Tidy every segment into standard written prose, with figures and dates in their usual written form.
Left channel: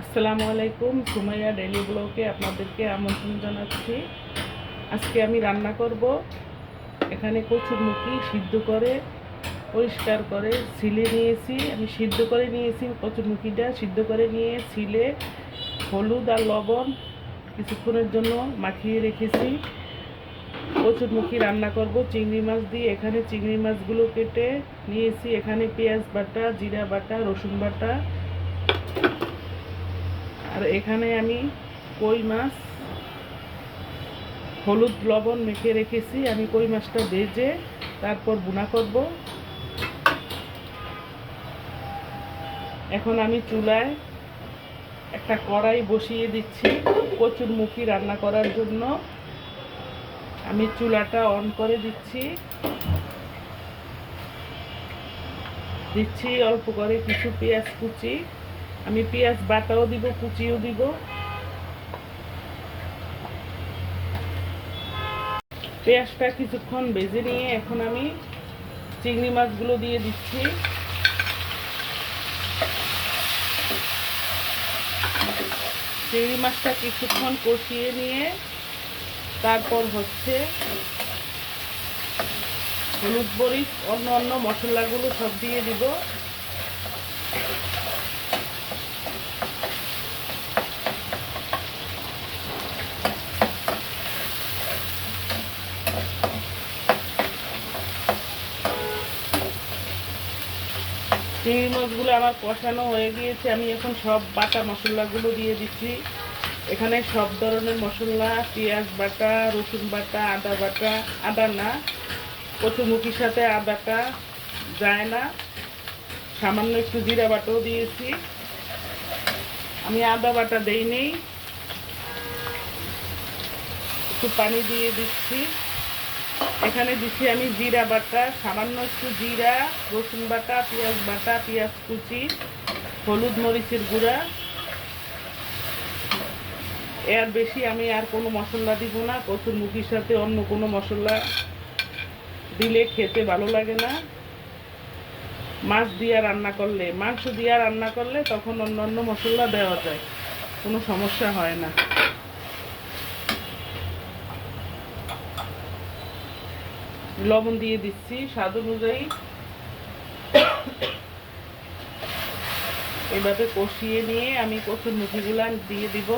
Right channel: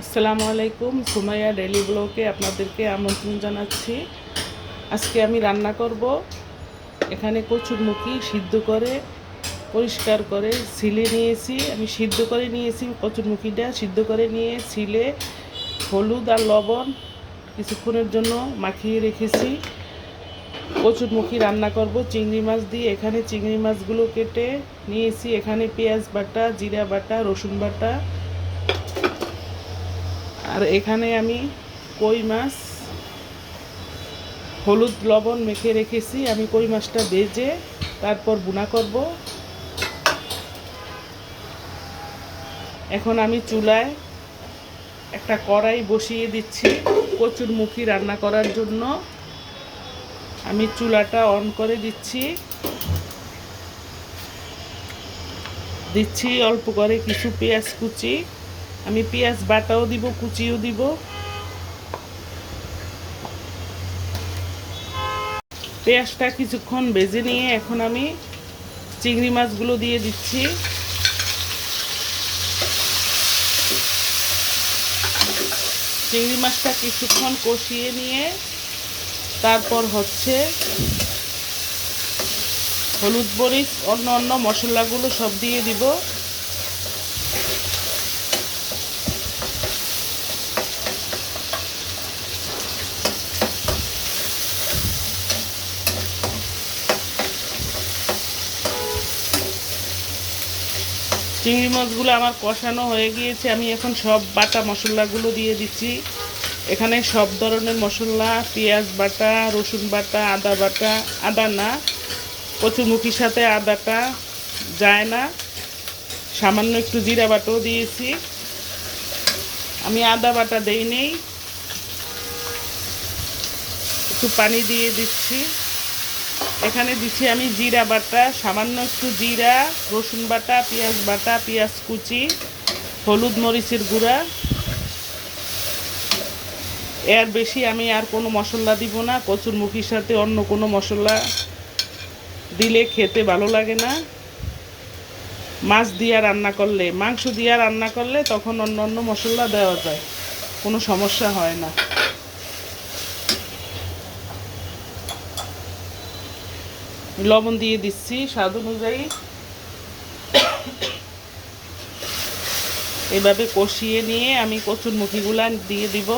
আসসালামু আলাইকুম, সুমাইয়া ডেইলি ব্লগে আপনাদেরকে আমন্ত্রণ জানাচ্ছি। আজকে আমি রান্না করব। এখানে কচুরমুখী সিদ্ধ করে পরিষ্কার করে ছিলে নিয়েছি। আমি সিদ্ধ করে নিয়েছি, কচুরমুখীটা সিদ্ধ করে নিয়ে ছিলে হলুদ আর লবণ কিছুক্ষণের জন্য মাখিয়ে রেখেছি। কচুরমুখী রান্না করব চিংড়ি মাছ দিয়ে। এখানে চিংড়ি মাছগুলো কেটে নিয়েছি। এখানে পেঁয়াজ বাটা, জিরা বাটা, রসুন বাটা, আর এখানে আমি কই মাছ হলুদ লবণ মেখে রেখেছি। আমি কই মাছটা ভেজে তারপর ভুনা করব। এখন আমি চুলায় একটা কড়াই বসিয়ে দিচ্ছি কচুরমুখী রান্না করার জন্য। আমি চুলাটা অন করে দিচ্ছি অল্প করে কিছু পেঁয়াজ কুচি। আমি পেঁয়াজ বাটাও দিব, কুচিও দিব। পেঁয়াজটা কিছুক্ষণ ভেজে নিয়ে এখন আমি চিংড়ি মাছগুলো দিয়ে দিচ্ছি। চিংড়ি মাছটা কিছুক্ষণ কষিয়ে নিয়ে তারপর হলুদ মরিচ অন্য মশলাগুলো সব দিয়ে দিব। চিংড়ি মাছগুলো আমার কষানো হয়ে গিয়েছে। আমি এখন সব বাটা মশলাগুলো দিয়ে দিচ্ছি। এখানে সব ধরনের মশলা, পেঁয়াজ বাটা, রসুন বাটা, আদা বাটা, আদা না, কচুরমুখির সাথে আদাটা যায় না। সামান্য একটু জিরা বাটাও দিয়েছি। আমি আদা বাটা দেইনি। একটু পানি দিয়ে দিচ্ছি। এখানে দিচ্ছি আমি জিরা বাটা, সামান্য একটু জিরা, রসুন বাটা, পেঁয়াজ বাটা, পেঁয়াজ কুচি, হলুদ মরিচের গুঁড়া। এর বেশি আমি আর কোনো মশলা দিব না। কচুরমুখির সাথে অন্য কোনো মশলা দিলে খেতে ভালো লাগে না। মাছ দিয়ে রান্না করলে, মাংস দিয়ে রান্না করলে তখন অন্য মশলা দেওয়া যায়, কোনো সমস্যা হয় না। লবণ দিয়ে দিচ্ছি স্বাদ অনুযায়ী। এভাবে কষিয়ে নিয়ে আমি কচুরমুখিগুলা দিয়ে দিব।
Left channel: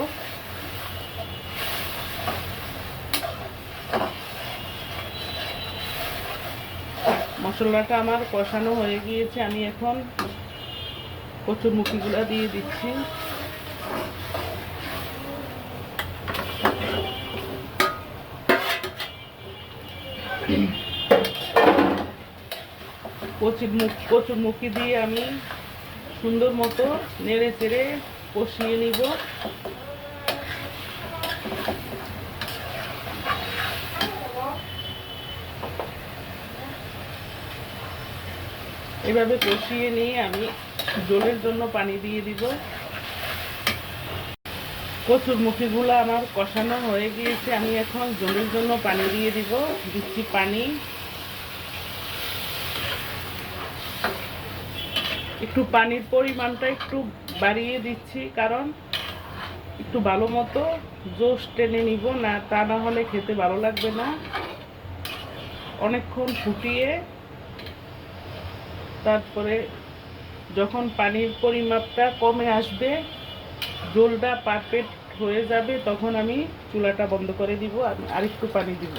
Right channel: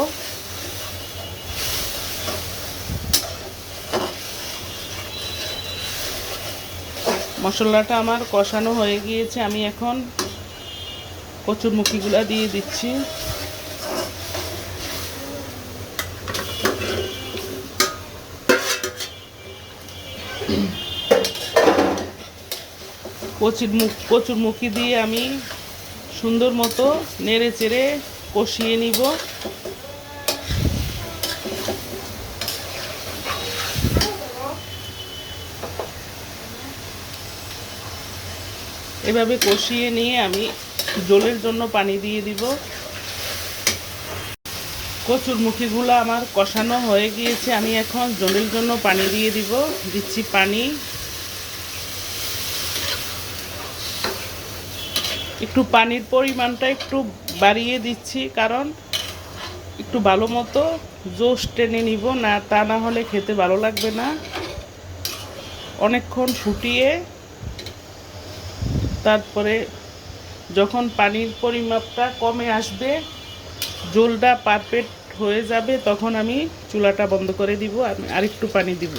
মশলাটা আমার কষানো হয়ে গিয়েছে। আমি এখন কচুরমুখিগুলা দিয়ে দিচ্ছি। কচুরমুখী দিয়ে আমি সুন্দর মতো নেড়ে চেড়ে কষিয়ে নিব। এভাবে কষিয়ে নিয়ে আমি ঝোলের জন্য পানি দিয়ে দিব। কচুরমুখিগুলো আমার কষানো হয়ে গিয়েছে। আমি এখন ঝোলের জন্য পানি দিয়ে দিচ্ছি পানি। একটু পানির পরিমাণটা একটু বাড়িয়ে দিচ্ছি, কারণ একটু ভালো মতো জোশ টেনে নিব, না তা না হলে খেতে ভালো লাগবে না। অনেকক্ষণ ফুটিয়ে তারপরে যখন পানির পরিমাপটা কমে আসবে, ঝোলটা পারফেক্ট হয়ে যাবে, তখন আমি চুলাটা বন্ধ করে দিব। আমি আরেকটু পানি দিব।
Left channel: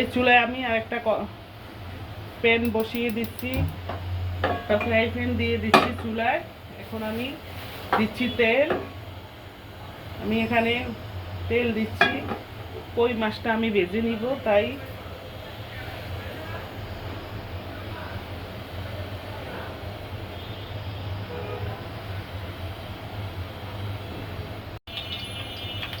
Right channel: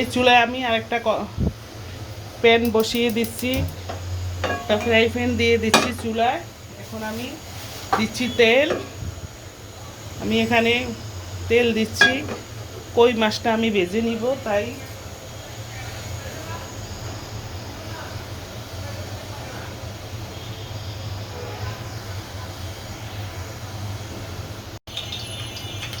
এই চুলায় আমি আরেকটা প্যান বসিয়ে দিচ্ছি, একটা ফ্রাই প্যান দিয়ে দিচ্ছি চুলায়। এখন আমি দিচ্ছি তেল। আমি এখানে তেল দিচ্ছি। কই মাছটা আমি ভেজে নিব, তাই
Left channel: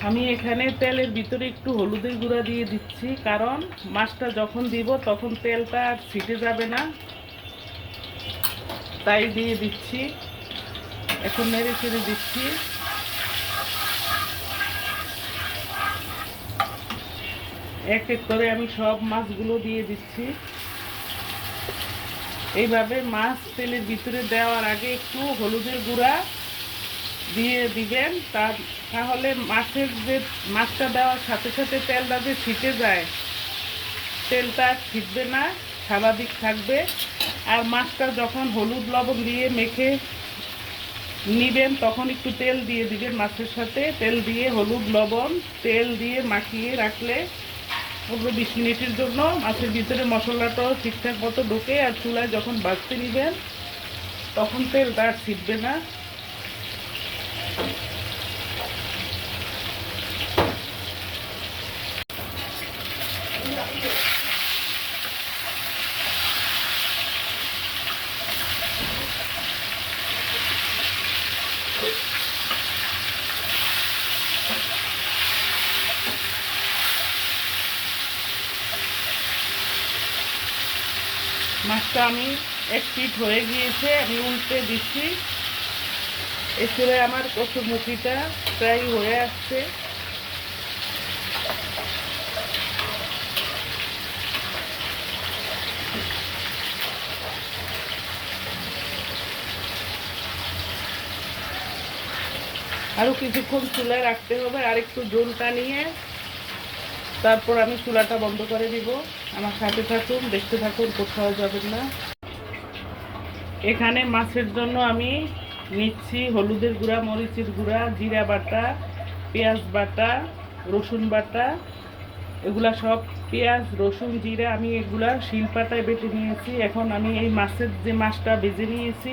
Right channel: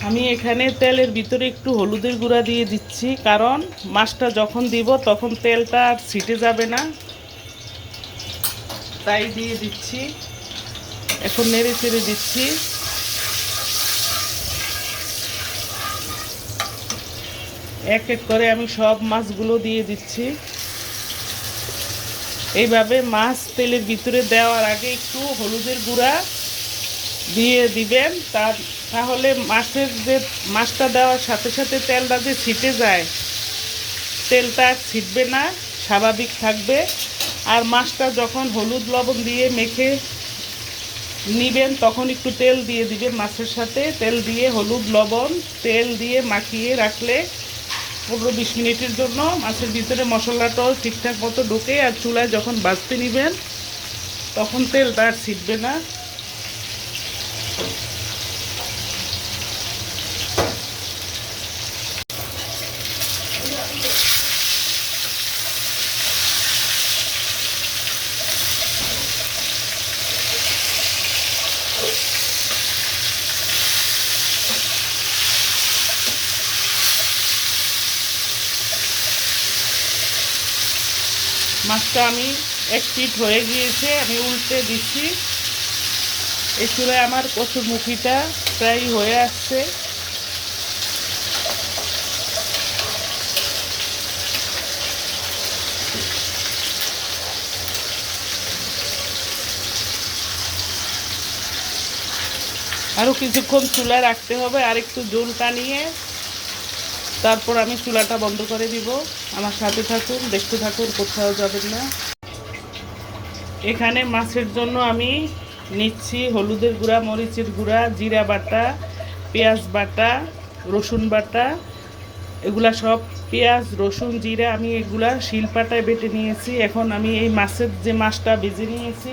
আমি এখানে তেলের ভিতরে একটু হলুদের গুঁড়া দিয়ে দিচ্ছি, কারণ মাছটা যখন দিব তখন তেলটা আর ছিটে যাবে না, তাই দিয়ে দিচ্ছি। এখন নেড়ে চেড়ে দিচ্ছি। এক এক করে আমি সব মাছগুলো দিয়ে দিচ্ছি। এইভাবে মাছ তেলের ভিতরে দেওয়ার আগে একটু হলুদের গুঁড়া দিয়ে দিবেন, তাহলে মাছটা দেওয়ার সাথে সাথে তেলটা যে ছিটে যায়, তেলটা ছিটবে না, স্বাভাবিক থাকবে। আর মাছটা যখন হলুদ লবণ দিয়ে মেখে নিবেন তখন একটু তেল দিয়ে দিবেন মাছের সাথে। তেল দিয়ে হলুদ লবণ তেল দিয়ে মাখিয়ে রাখলে 15-20 মিনিটের জন্য মাছের ভিতরে মশলাটাও ঠিকঠাক মতো ঢোকে। আর চুলায় যখন ভাজতে নেবেন তখন তেলটা আর ছিটবে না। মাছটা আমি এক পিঠ হয়ে গিয়েছে, আমি উল্টে দিচ্ছি। এই চুলায় আমার কচুরমুখিটা প্রায় হয়ে আসছে। আরও কিছুক্ষণ চুলায় রাখতে হবে, আর একটু জল টানিয়ে তারপর আমি চুলাটা বন্ধ করে দিব। আমার সাথে থাকুন, দেখতে থাকুন, কোথাও যাবেন না। এখানে মাছের জন্য আমি নিচ্ছি হলুদের গুঁড়া, মরিচের গুঁড়া, জিরা বাটা, পেঁয়াজ বাটা, রসুন বাটা। এগুলা সব পেঁয়াজ রসুন জিরা আমি এগুলা শিলপাটায় বেটে নিয়েছি। এখন আমি এই মাছটা ভেজে নিয়েছি,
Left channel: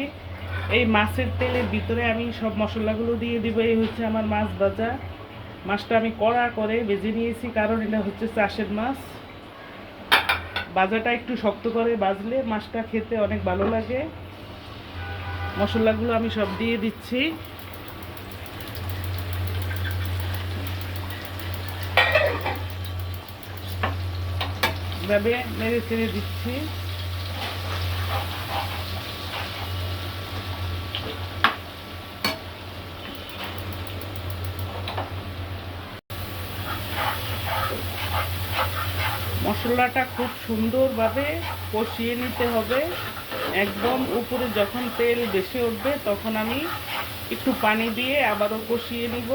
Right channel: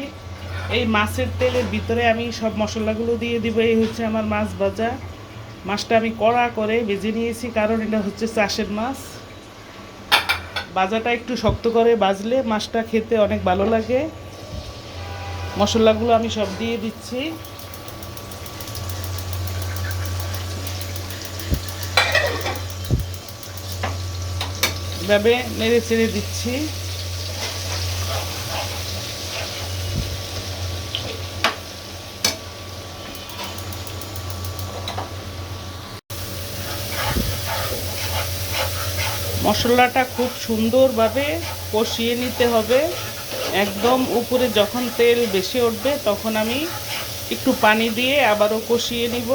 এই মাছের তেলের ভিতরে আমি সব মশলাগুলো দিয়ে দিব। এই হচ্ছে আমার মাছ ভাজা। মাছটা আমি কড়া করে ভেজে নিয়েছি, কারণ এটা হচ্ছে চাষের মাছ। ভাজাটা একটু শক্ত করে ভাজলে মাছটা খেতে অনেক ভালো লাগে। মশলাগুলো আমি সব দিয়ে দিচ্ছি। এভাবে নেড়ে চেড়ে দিচ্ছি। মশলাটা খুব সুন্দরভাবে কষিয়ে নিতে হবে। একদম উপরে যখন তেল বেশি উঠবে তখন আমি একটু পানি দিয়ে আবারও কষিয়ে নিব।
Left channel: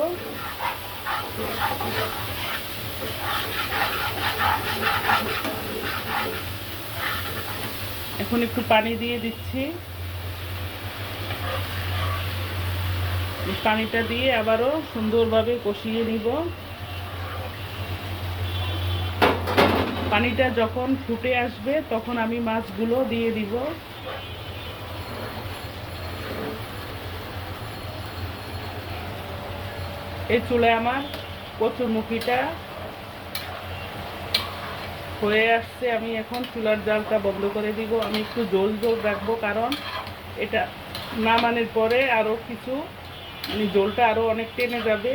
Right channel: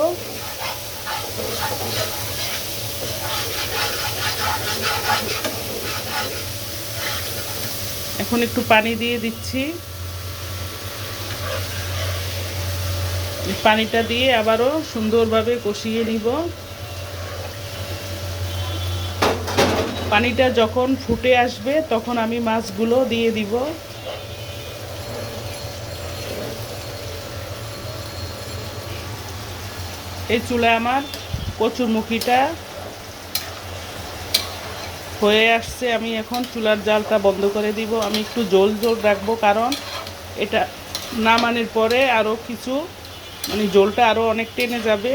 এখন একটু পানি দিয়ে দিচ্ছি। পানিটা দিয়ে আবারও সুন্দরভাবে কষিয়ে নিব। পানিটা যখন ফুটে আসবে তখন আমি মাছগুলো দিয়ে দিব। এই চুলায় আমার কচুরমুখিটা হয়ে আসছে। আমি এখন চুলার জালটা বন্ধ করে দিব। আমি একটু জল রাখবো, কারণ এটা নামানোর পরে আরও কিছু জলটা আরও অনেক টেনে যাবে।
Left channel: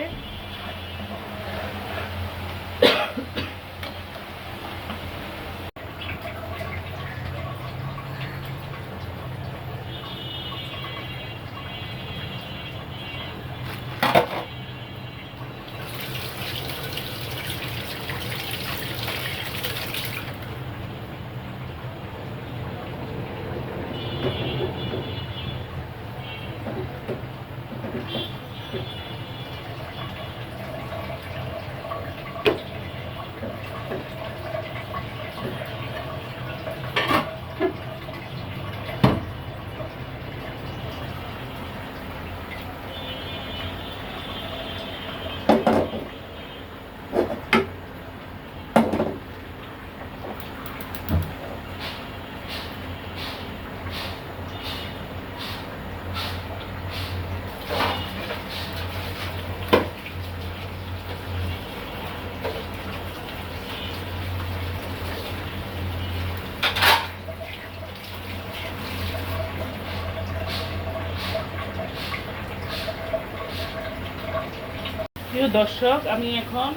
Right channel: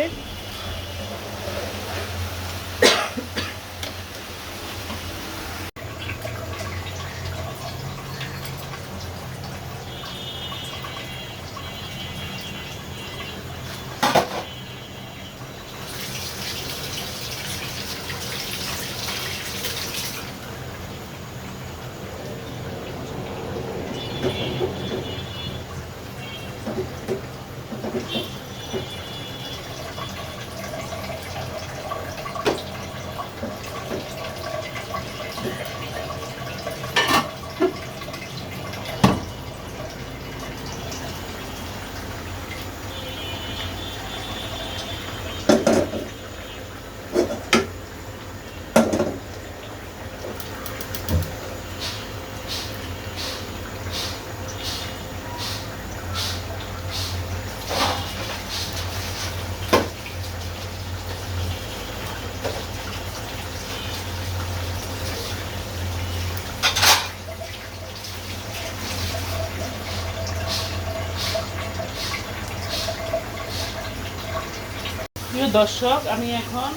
প্রিয় দর্শক, আমি এখন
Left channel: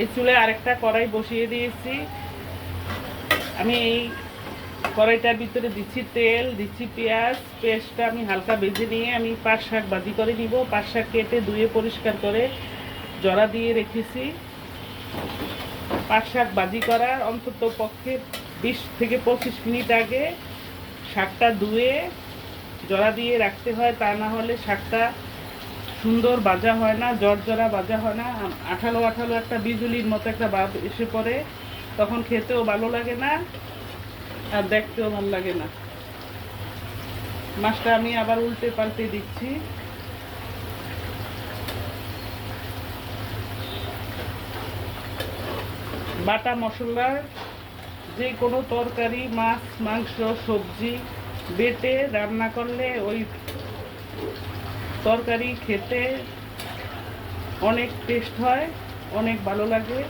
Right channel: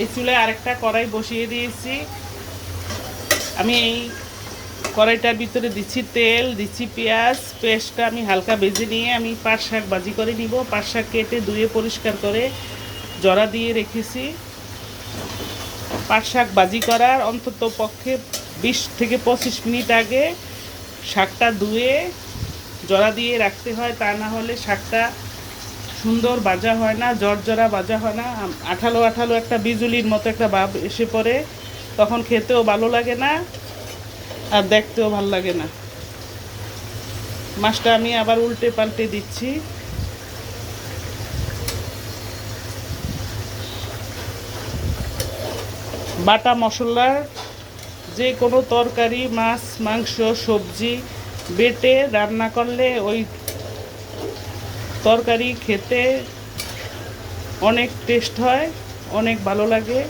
এই চুলায় আরেকটা কড়াই বসিয়ে দিয়েছি। আমি এই কড়াইটার ভিতরে দিচ্ছি তেল, দিচ্ছি পেঁয়াজ। পেঁয়াজটা আমি হালকা ভেজে নিয়ে আমি পাট শাক ভাজি করে নিব। পাট শাক কেটে ধুয়ে পরিষ্কার করে জড়া দিয়ে রেখেছি। পাট শাক ভাজি করার অন্তত পক্ষে 20 থেকে 25 মিনিট আগে শাকটা ধুয়ে জড়া দিয়ে রাখতে হয়, তা না হলে শাকটা সুন্দর ভাজা হয় না, জর্জরা ভাজা হয় না, আঠালো আঠালো একটা বিজুলির মতো একটা ভাব এসে পড়ে, তখন খেতেও ভালো লাগে না আর দেখতেও ভালো লাগে না। মাছটা আমি আবার উল্টে পাল্টে দিচ্ছি। বাটা মশলার যে কোনো তরকারি, মাছ, মাংস, সবজি বেটে রান্না করলে ওই তরকারি খেতে অনেক টেস্ট হয়, অনেক ভালো লাগে।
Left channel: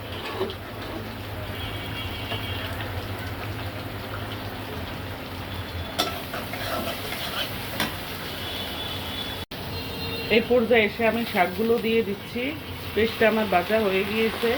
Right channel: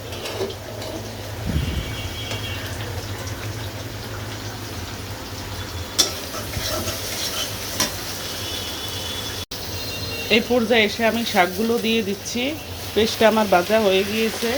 এই পর্যায়ে এসে আমি শাকগুলো দিয়ে দিচ্ছি। পেস্টটা আমার ভাজা হয়ে গিয়েছে।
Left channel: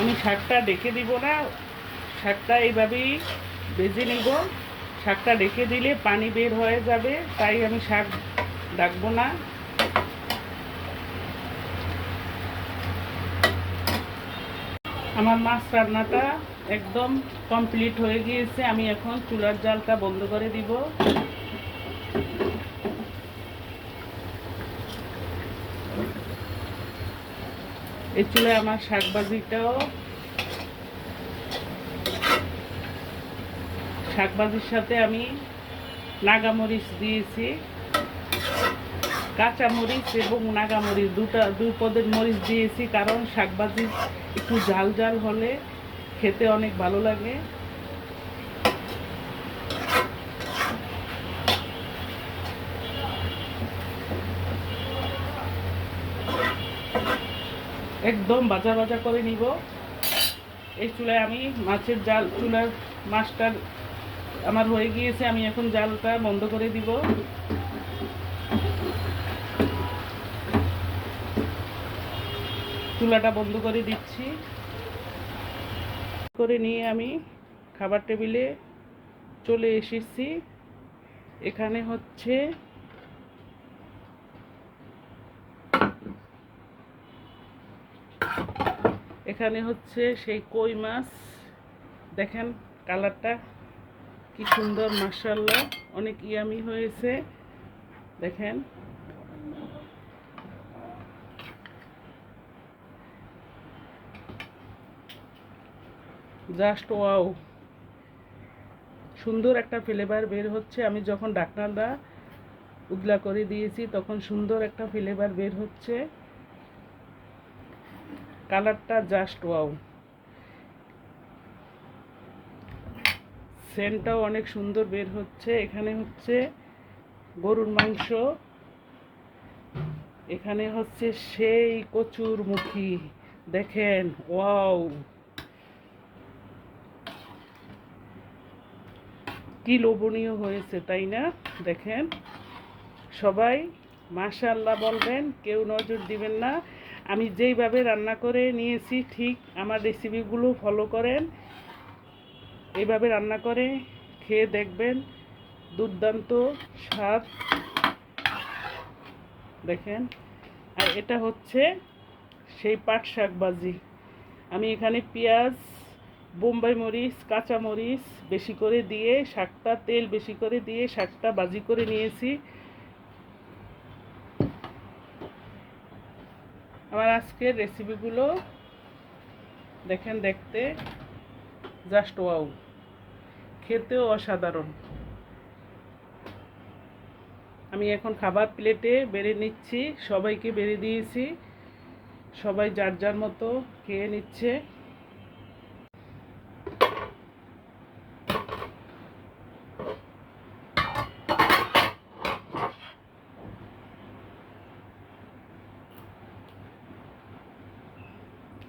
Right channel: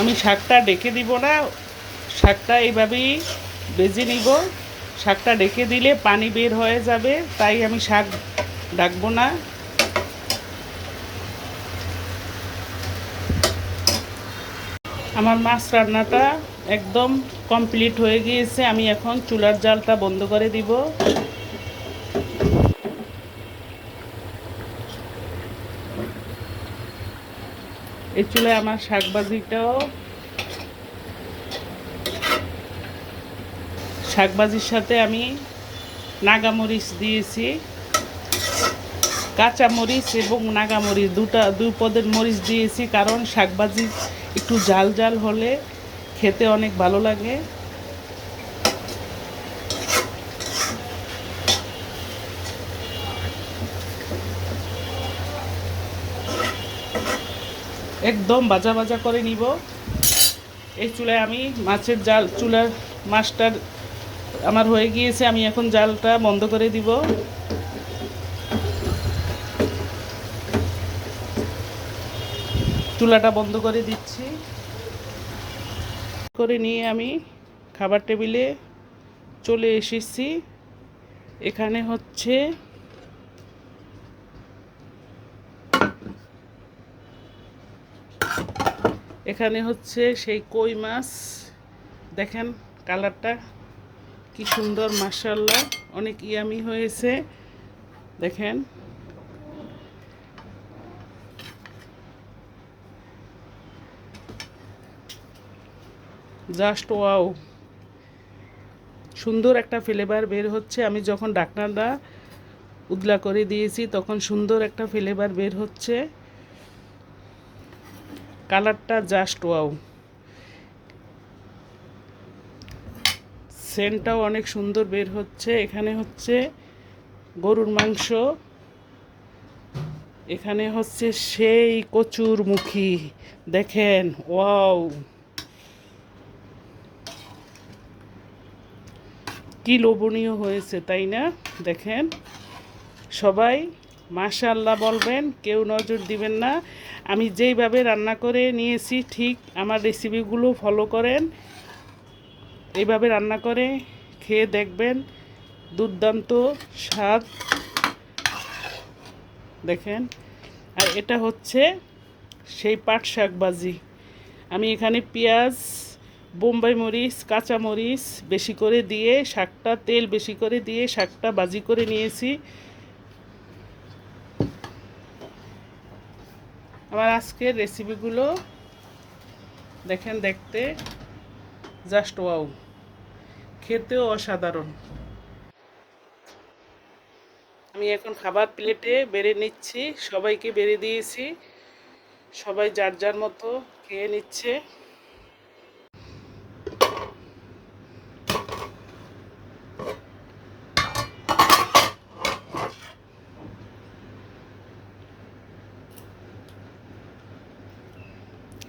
আমি শাকটা ডেকে দিব না, শাকটা এইভাবেই ভেজে নিব। শাকটা ডেকে দিলে পানি বের হয়ে যাবে, তাই আমি শাক ডাকবো না। আমার মাছ রান্নাটা একদম কমপ্লিট হয়ে গিয়েছে। আমি এখন চুলার জালটা বন্ধ করে দিব। এই চুলায় আমার শাকভাজির সাথে আমি নাগামরিচ দিয়েছি, কাঁচা মরিচ এবং নাগামরিচ দুই পদের মরিচ দিয়েছি, কারণ শাকভাজি একটু জাল জাল হলে খেতে অনেক ভালো লাগে। একদম ভাজা ভাজা করে নিব। এই চুলায় আমি চুলার মাছটা আমার হয়ে গিয়েছে। আমি এখন জালটা বন্ধ করে দিব। চুলাটা বন্ধ করে দিচ্ছি। করে নিয়ে আমি খাবার টেবিলে চলে এসেছি। এখানে হচ্ছে সেই কই মাছ। দেখেন কালারটা কি সুন্দর, মাশাআল্লাহ, অনেক ইয়ামি হয়েছে। দেখেন জাস্ট ওয়াও, সুন্দর একটা ফ্লেভার বের হচ্ছে। আমি যখন ঢাকনাটা উদলা করে দিয়েছি তখন সুন্দর একটা ফ্লেভার বের হচ্ছে। কালারটা জাস্ট ওয়াও, সেন্টটাও অনেক সুন্দর বের হচ্ছে। এখানে হচ্ছে গরুর মাংস, এখানে হচ্ছে সেই কচুর মুখী। দেখেন ওয়াও, কি লোভনীয় হয়েছে তাই না? দেখেন সবাই মাশাআল্লাহ বলবেন, কেউ নজর দিবেন না। আমি যেইভাবে রান্না করে নিয়েছি ঠিক আমার রেসিপিগুলো ফলো করেন, এইভাবে রান্না করে খেয়ে দেখবেন, দুর্দান্ত স্বাদ। দেখেন, আর এটা হচ্ছে সেই পাট শাক ভাজি। আমি এখানে পেঁয়াজ, বোম্বাই মরিচ, কাঁচা মরিচ বেশি করে দিয়ে তেল বেশি করে দিয়ে শাকটা ভাজি করে নিয়েছি। আমার আজকের রেসিপিগুলো দেখেন, দেখতে জাস্ট ওয়াও, খেতেও অসাধারণ। আমি এখন খাবার প্লেটে বেড়ে নিচ্ছি, সবাইকে বেড়ে দিয়েছি, সবাই যার যার মতো খেয়ে নিচ্ছে।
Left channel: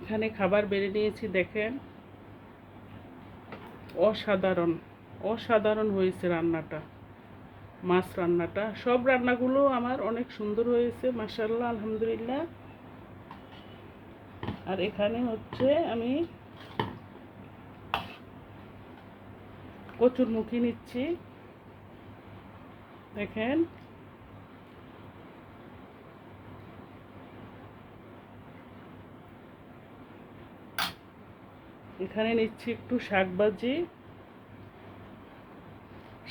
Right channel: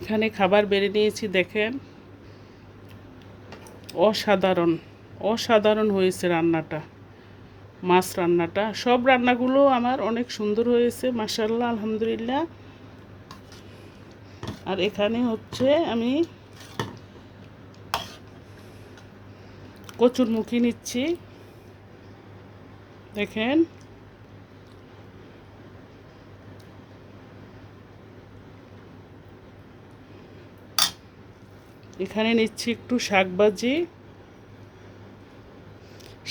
এখানে খাবার বেড়ে নিয়েছি, দেখেন অসাধারণ, অসাধারণ হয়েছে রান্নাটা, মাছ রান্নাটা। সব রান্নাগুলো আমার অনেক সুন্দর হয়েছে, মাশাআল্লাহ, আলহামদুলিল্লাহ। আর এখানে হচ্ছে আমি কচুরমুখী নিচ্ছি, দেখেন। এখানে নিচ্ছি একটু শাকভাজি,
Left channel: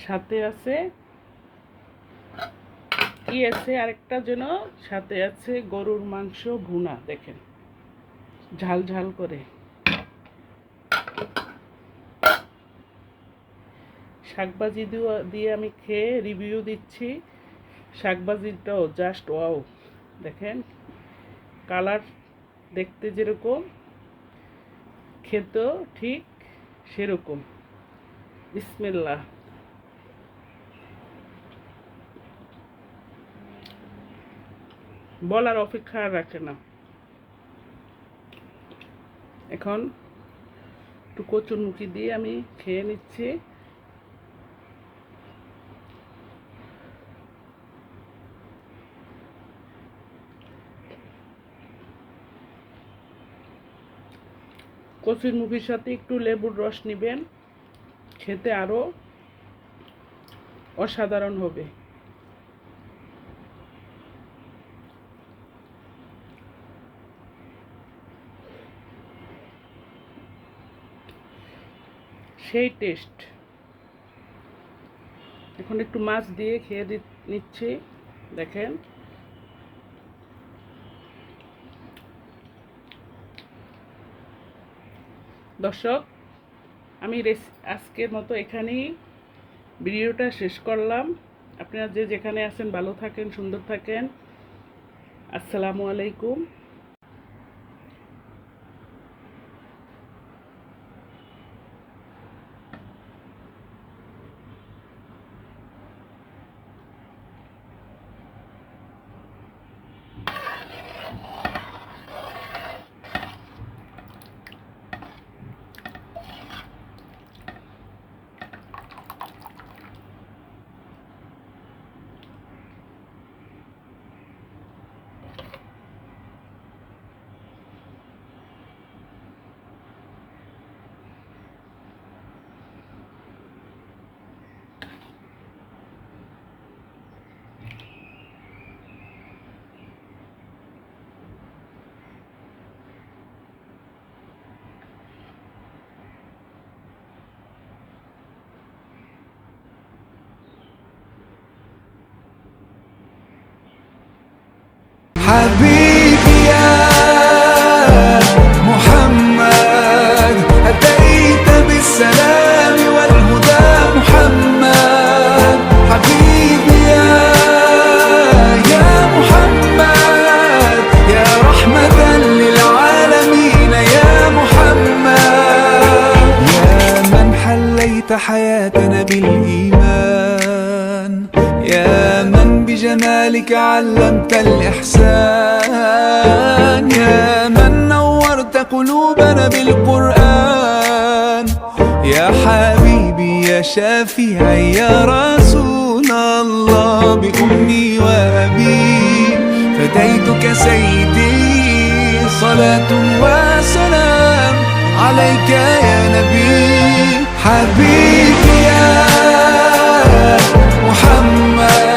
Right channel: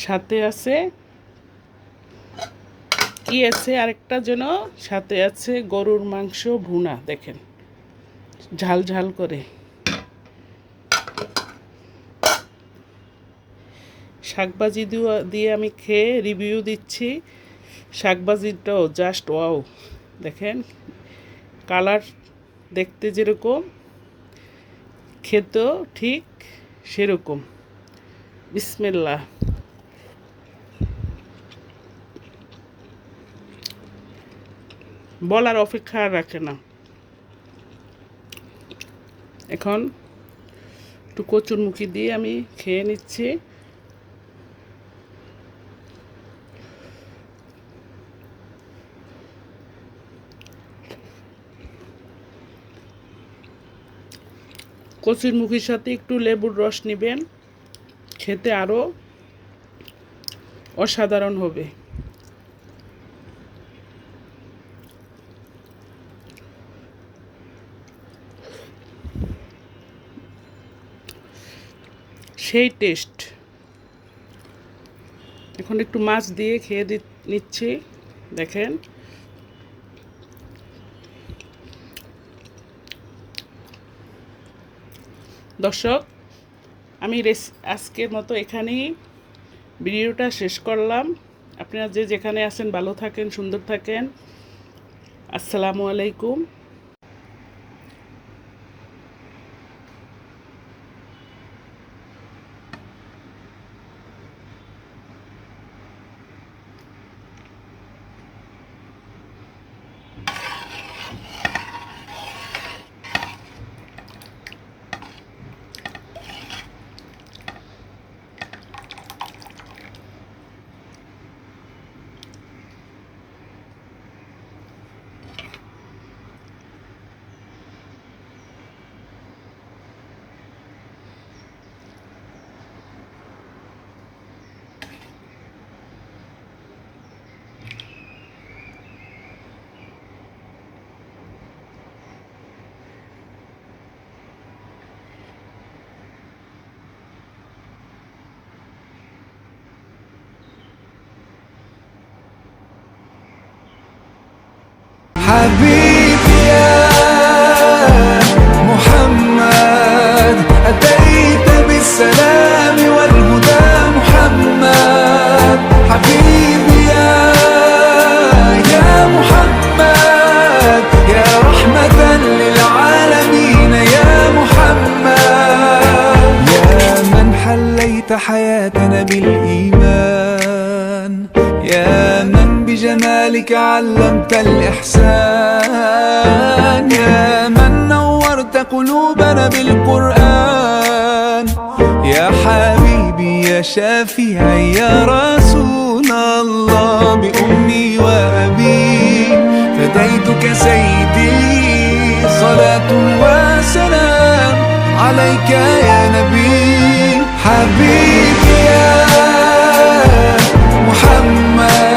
সাথে আছে কি আছে আরেকটা যেন, সাথে আছে গরুর মাংস ভুনা, দেখেন ঝাল ঝাল করে। শাকভাজি দিয়ে আমি খেয়ে রিভিউ দিচ্ছি। শাকভাজিটাও জাস্ট ওয়াও, দেখেন কালার দেখতে যেরকম, খেতেও ঠিক সেরকম। বিসমিল্লাহ। বলার অপেক্ষা আর রাখে না। এখন একটু কচুরমুখী দিয়ে আমি খেয়ে নিচ্ছি। কচুরমুখীর সাথে একটু লেবুর রস নেবেন, খেতে আরও অসাধারণ হবে। সেই টেস্ট। এখন একটু মাছ দিয়ে খেয়ে নিচ্ছি, দেখেন। দর্শক, আমি আজকের মতো এখানেই ভিডিওটা শেষ করলাম। আপনারা যে যেখানে আছেন ভালো থাকেন, সুন্দর থাকেন। আসসালামু আলাইকুম। حبيبي يا محمد أتيت بالسلام والهدى محمد حبيبي يا محمد يا رحمة للعالمين يا محمد يا من حليت حياتنا بالإيمان يا من بجمالك علمت الإحسان يا من نورت قلوبنا بالقرآن يا حبيبي يا شافعي يا رسول الله بأمي وأبي فديتك سيدي صلاة وسلام عليك يا نبي حبيبي يا محمد